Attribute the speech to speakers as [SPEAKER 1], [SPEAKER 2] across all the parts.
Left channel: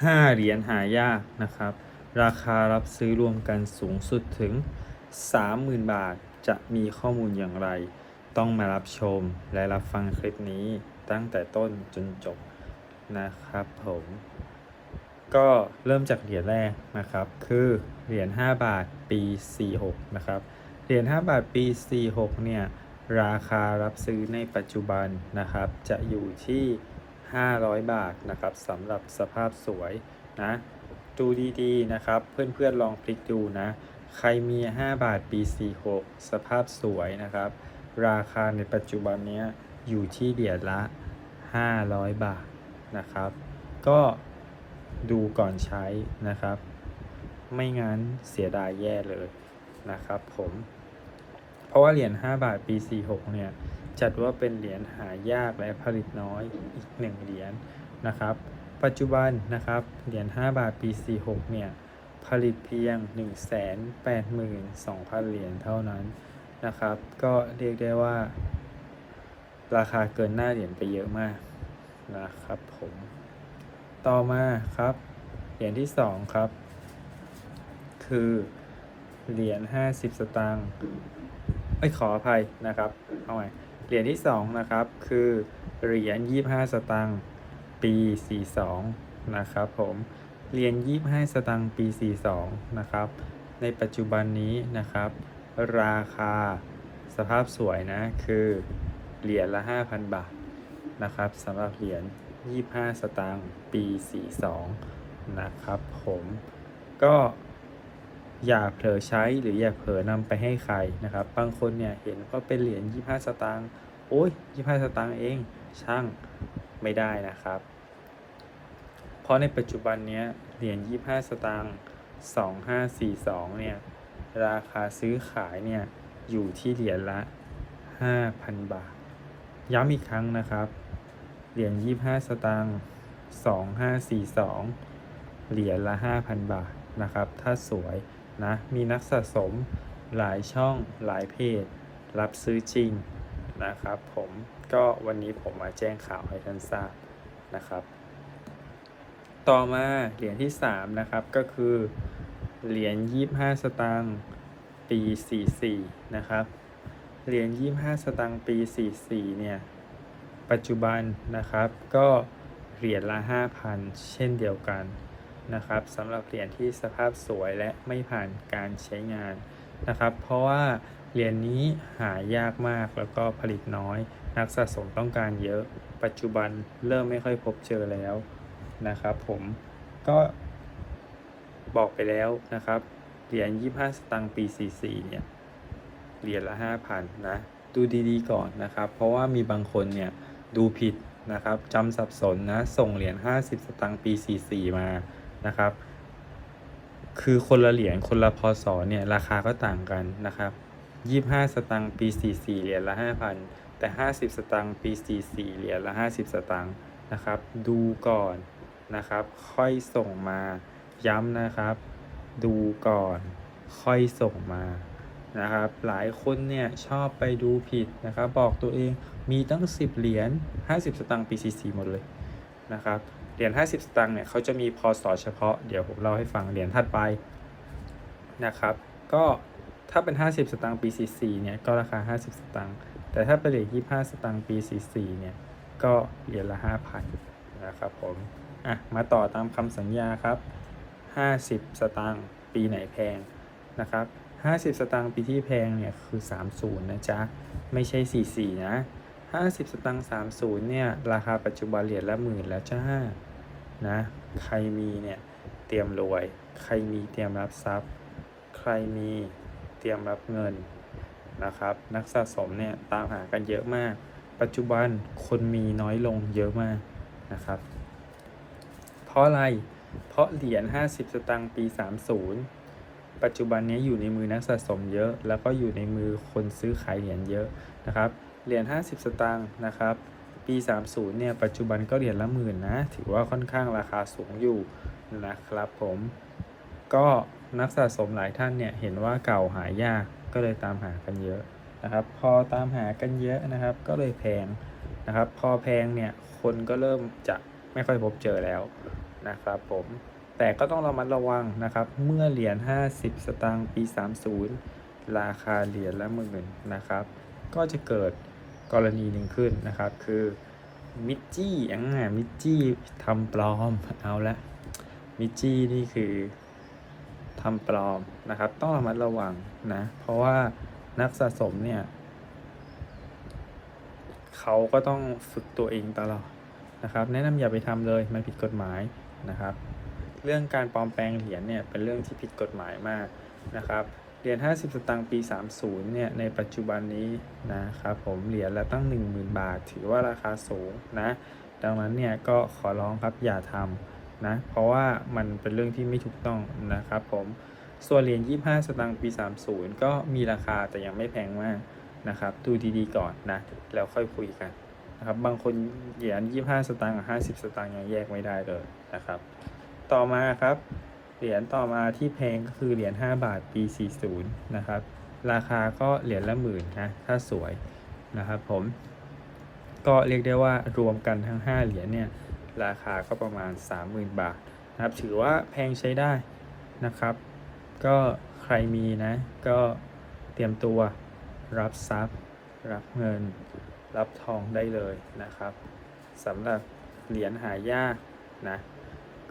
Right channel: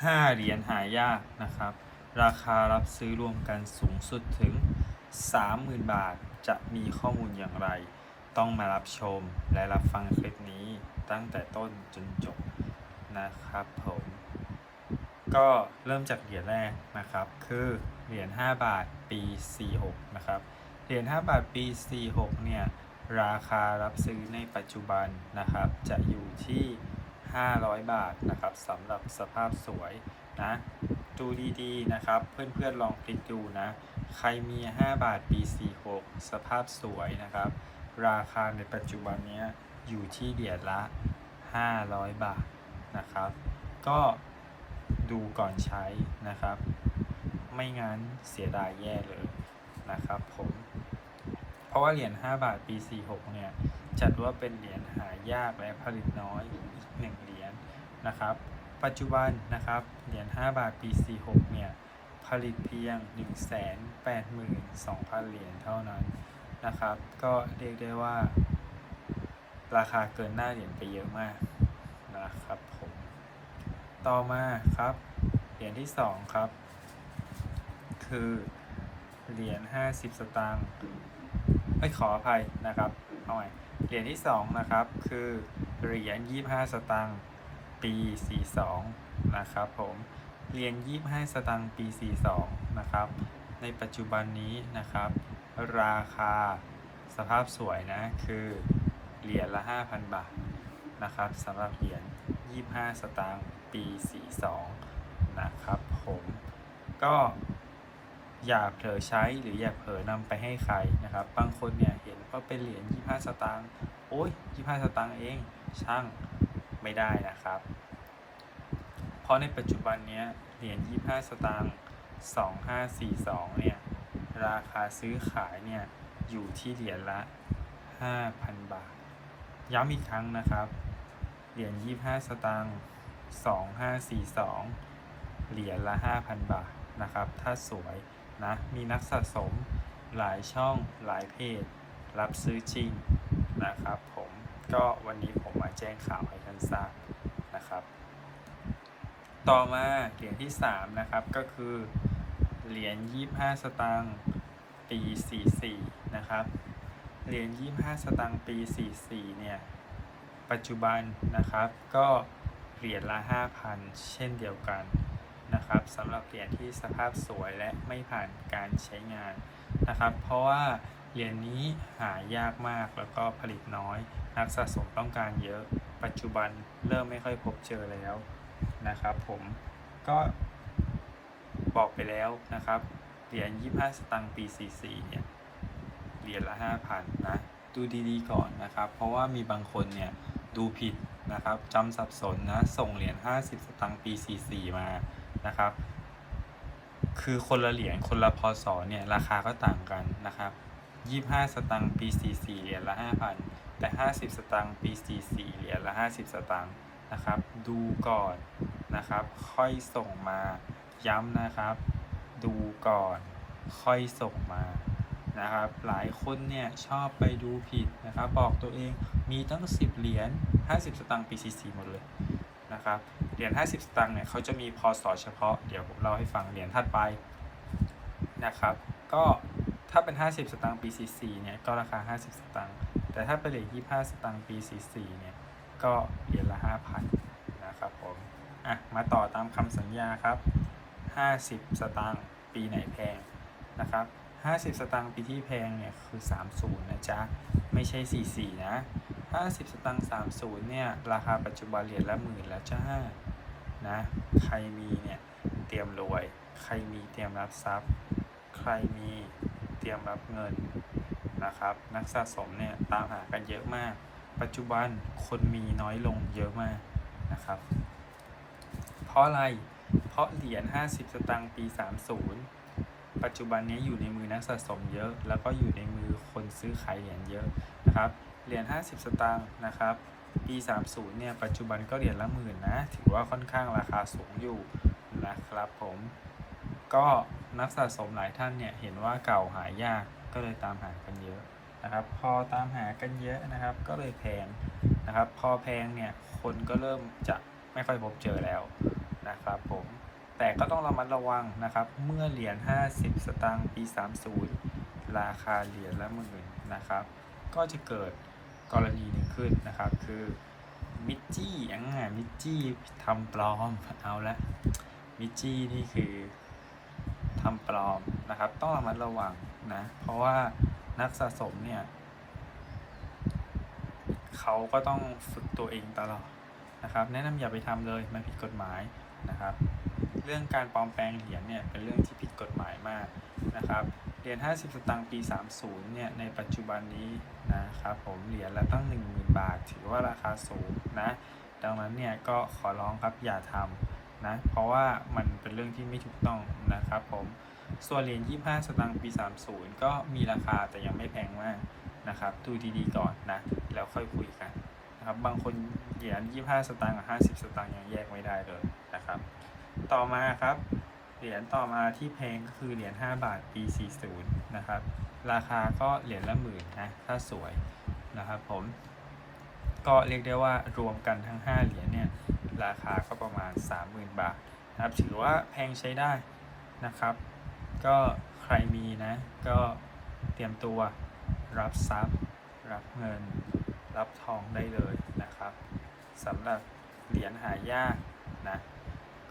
[SPEAKER 1] 5 เหรียญหายากนะครับ ราคารับซื้อรวมกันสูงสุดถึง 30,000 บาท จะมีข้อมูลอย่างไร ต้องมารับชมและรับฟังคลิปนี้ตั้งแต่ต้นจนจบนะครับผมก็เริ่มจากเหรียญแรกนะครับ คือเหรียญ5บาทปี 46 นะครับ เหรียญ5บาทปี 46 เนี่ย ราคารับซื้อในปัจจุบันนะครับ จะอยู่ที่ 500 บาทนะครับสำหรับสภาพสวยนะดูดีๆนะครับ เพื่อนๆลองคลิกดูนะ ใครมี 5 บาทปี46สภาพสวยนะครับ ราคาในปัจจุบันนี้อยู่ที่เหรียญละ 500 บาทนะครับ ก็ดูก่อนใช้นะครับ ไม่งั้นเสียดายแย่เลยนะครับผม เพราะว่าเหรียญ 5 บาทปี 46 เนี่ย จัดว่าเป็นเหรียญหายากและผลิตน้อยอีกหนึ่งเหรียญนะครับ ปัจจุบันนะครับเหรียญ 5 บาทปี 46 เนี่ย ผลิตเพียง 182,000 เหรียญเท่านั้นนะครับ ก็เรียกได้ว่า ราคาเกินหน้าเหรียญไปเยอะมากนะครับผมต่อมาครับ เหรียญที่ 2 ครับ คือเหรียญ 50 สตางค์ ไม่ขออภัยนะครับเอาใหม่เหรียญที่ 2 นะครับ คือเหรียญ25 สตางค์ปี 42 นะครับผมเหรียญ25 สตางค์ปี 42 นะครับ ในปัจจุบันนี้นะครับ ราคาสภาพสวยนะคือเหรียญละ 5,000 บาทนะครับสำหรับเหรียญ25 สตางค์ปี 42 นะครับผมก็ อยากเผลอใช้หรืออยากเผลอนำไปให้ใครนะครับ บางคนเนี่ยเห็นว่าเป็นเหรียญ25 สตางค์โอ้ย 25 สตางค์เองช่างไม่ได้นะครับ เพราะในปัจจุบันเนี้ยเหรียญ25 สตางค์2542 เนี่ย ราคาซื้อขายเนี่ย อยู่ที่เหรียญละ 5,000 บาท ย้ำอีกครั้งนะครับ เหรียญ25 สตางค์2542 เหรียญละ 5,000 บาทนะครับ ถ้าสวย นะมีนักสะสมหลายช่องหลายเพจ รับซื้อจริงนะครับผมก็วันนี้ผมมาแจ้งข่าวให้ท่านทราบนะครับ ต่อมาเหรียญที่ 3 นะครับก็คือเหรียญ25 สตางค์ปี 44 นะครับเหรียญ25 สตางค์ปี 44 เนี่ย ปัจจุบันนะครับก็เหรียญละ 5,000 เช่นเดียวกัน นะครับสำหรับเหรียญที่สภาพสวยและไม่ผ่านการใช้งานนะครับ เพราะว่าเหรียญนี้หายากมากแล้วก็ผลิตน้อย นักสะสมต้องการเยอะ ปัจจุบันเริ่มไม่ค่อยพบเจอแล้วนะครับ ผมก็บอกไปแล้วนะครับเหรียญ25 สตางค์ปี 44 เนี่ยเหรียญละ 5,000 นะ ดูดีๆก่อนนะครับ เพราะว่ามีบางคนเนี่ยดูผิดนะครับจำสับสนนะ ส่งเหรียญ50 สตางค์ปี 44 มา นะครับ คือคนละเหรียญคนละพศเนี่ยราคาก็ต่างกันนะครับ25สตางค์ปี44เหรียญละ5,000แต่50สตางค์ปี44เหรียญละ50สตางค์นะครับ ดูก่อนนะครับ ค่อยส่งมาย้ำนะครับ ดูก่อนค่อยส่งมานะครับ หลายคนเนี่ยชอบไปดูผิดนะครับ บอกตัวเองมีตั้ง 10 เหรียญ50 สตางค์ปี 44 หมดเลย นะครับ เหรียญ50 สตางค์เนี่ยเขาจะมีพศเฉพาะ เดี๋ยวผมเล่าให้ฟังเหรียญถัดไปนะครับ ก็ถ้าเป็น 50 สตางค์ปี 44 เนี่ย ก็ราคา 50 สตางค์ แต่ถ้าเป็นเหรียญ25 สตางค์ปี 44 เนี่ย ก็เหรียญละ 5,000 นะครับผม อะ มาต่อตามคำสัญญาครับ 50 สตางค์ ปีไหนแพงนะครับ 50 สตางค์ปีที่แพงเนี่ยคือ 30 นะจ๊ะ ไม่ใช่ 44 นะ 50 สตางค์30 เนี่ย ราคาปัจจุบันเหรียญละหมื่นแล้วจ้า นะ ใครมีเนี่ย เตรียมรวย ใครมีเตรียมรับทรัพย์ ใครมีเตรียมรับเงินนะครับ นักสะสมเนี่ยตามหากันเยอะมาก ปัจจุบันคนมีน้อยลงเยอะมากนะครับ เพราะอะไร เพราะเหรียญ 50 สตางค์ปี 30 ปัจจุบันนี้อยู่ในมือนักสะสมเยอะ แล้วก็อยู่ในมือคนซื้อขายเหรียญเยอะนะครับเหรียญ50 สตางค์นะครับ ปี 30เนี่ยปัจจุบันก็เหรียญละหมื่นนะถือว่าค่อนข้างราคาสูงอยู่นะครับผมก็นักสะสมหลายท่านเนี่ยเห็นว่าเก่าหายากก็เลยตามหากันเยอะนะครับ พอตามหากันเยอะนะครับ ก็เลยแพงนะครับ พอแพงเนี่ยคนก็เริ่มจะไม่ค่อยพบเจอแล้วนะครับผม แต่ก็ต้องระมัดระวังนะครับ เมื่อเหรียญ 50 สตางค์ปี 30 ราคาเหรียญละหมื่นนะครับ ก็จะเกิดกรณีหนึ่งขึ้นนะครับ คือมิจจี้อ่ามิจจี้ทำปลอมเอาละมิจจี้นี่คือทำปลอมนะครับ ต้องระมัดระวังนะ เพราะว่านักสะสมเนี่ยเขาก็ต้องฝึกตัวเองตลอดนะครับ แนะนำอย่าไปทำเลยไมันผิดกฎหมายนะครับ เรื่องการปลอมแปลงเหรียญเนี่ยเป็นเรื่องที่ผิดกฎหมายมากนะครับ เหรียญ 50 สตางค์ปี 30 เนี่ยในปัจจุบันนี้นะครับผมเหรียญละตั้ง 10,000 บาท ถือว่าราคาสูงนะ ดังนั้นเนี่ยก็ขอร้องครับอย่าทำนะ เพราะว่ามันเป็นเรื่องที่ไม่ถูกต้องนะครับผม ส่วนเหรียญ 25 สตางค์ปี 30 ก็มีราคาแต่ยังไม่แพงมากนะครับดูดีๆก่อนนะแล้วค่อยคุยกันนะครับบางคนเหรียญ25 สตางค์กับ50 สตางค์ยังแยกไม่ได้เลยนะครับ ต่อมาครับ เหรียญต่อมาที่แพงก็คือเหรียญ5บาทปี40นะครับ ราคาก็เหรียญละหมื่นนะถ้าสวยนะครับผม ก็เรียกได้ว่ารวมกันทั้ง 5 เหรียญเนี่ยราคาก็ประมาณ 30,000 บาทนะครับถือว่าแพงใช้ได้นะครับ ก็ใครมีนะก็เตรียมตัวรับทรัพย์ รับเงิน รับทองได้เลยนะครับสำหรับเหรียญหายากนะ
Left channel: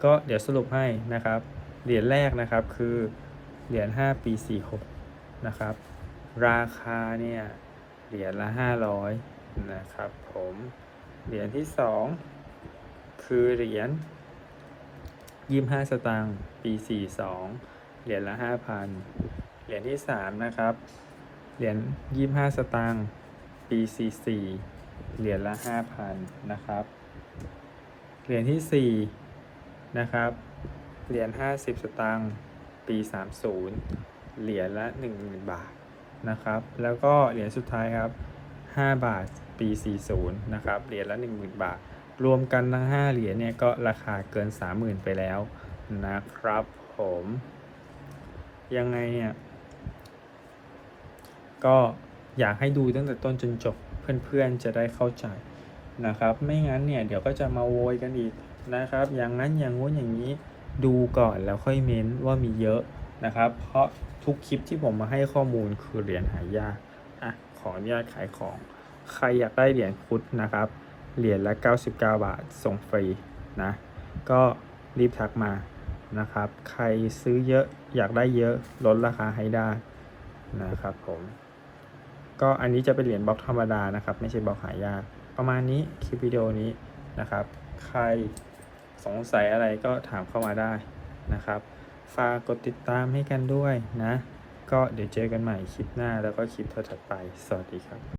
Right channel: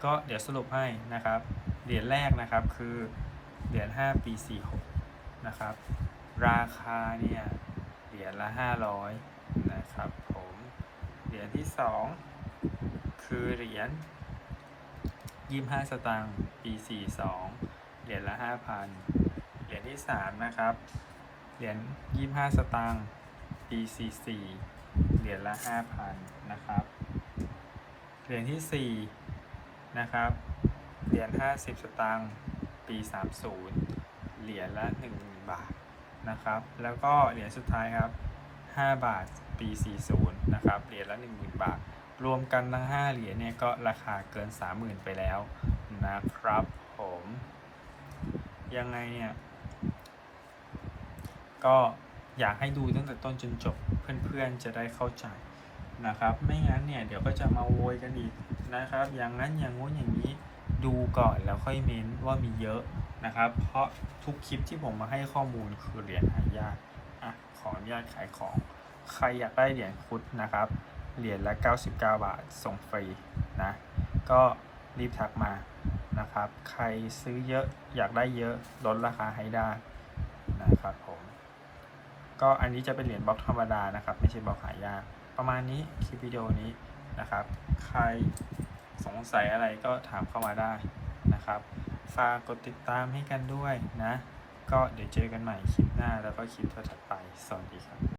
[SPEAKER 1] ก็เดี๋ยวสรุปให้นะครับ เหรียญแรกนะครับคือเหรียญ5ปี46นะครับ ราคาเนี่ยเหรียญละ 500นะครับผมเหรียญที่ 2 คือเหรียญ25 สตางค์ปี 42 เหรียญละ 5,000 เหรียญที่ 3 นะครับ เหรียญ25 สตางค์ปี 44 เหรียญละ 5,000 นะครับ เหรียญที่ 4 นะครับ เหรียญ 50 สตางค์ปี30 เหรียญละ 10,000 บาทนะครับ แล้วก็เหรียญสุดท้ายครับ 5 บาทปี40 นะครับ เหรียญละ 10,000 บาท รวมกันทั้ง 5 เหรียญเนี่ยก็ราคาเกิน 30,000 ไปแล้วนะครับผม ยังไงเนี่ยก็อยากให้ดูตั้งแต่ต้นจนจบเพื่อนๆจะได้เข้าใจ นะครับ ไม่งั้นเนี่ยเดี๋ยวก็จะมาโวยกันอีกนะครับ อย่างนั้นอย่างงู้นอย่างนี้ดูก่อนแล้วค่อยเม้นว่ามีเยอะนะครับ เพราะทุกคลิปที่ผมมาให้ข้อมูลคือเหรียญหายากอะขออนุญาตขายของ ใครอยากได้เหรียญคุดนะครับ เหรียญละ 99 บาทส่งฟรีนะ ก็รีบทักมานะครับ ใครซื้อเยอะอยากได้เยอะลดราคาให้ได้นะครับผม ก็อันนี้จะเป็นเหรียญบล็อกธรรมดานะครับ ไม่ใช่บล็อกหายาก ประมาณนี้คลิปวิดีโอนี้นะครับ ใครสงสัยอะไรก็ถามเข้ามาได้นะครับฝากกดติดตามให้กันด้วยนะ ก็เดี๋ยวเจอกันใหม่คลิปหน้าแล้วก็คลิปถัดไป สวัสดีครับ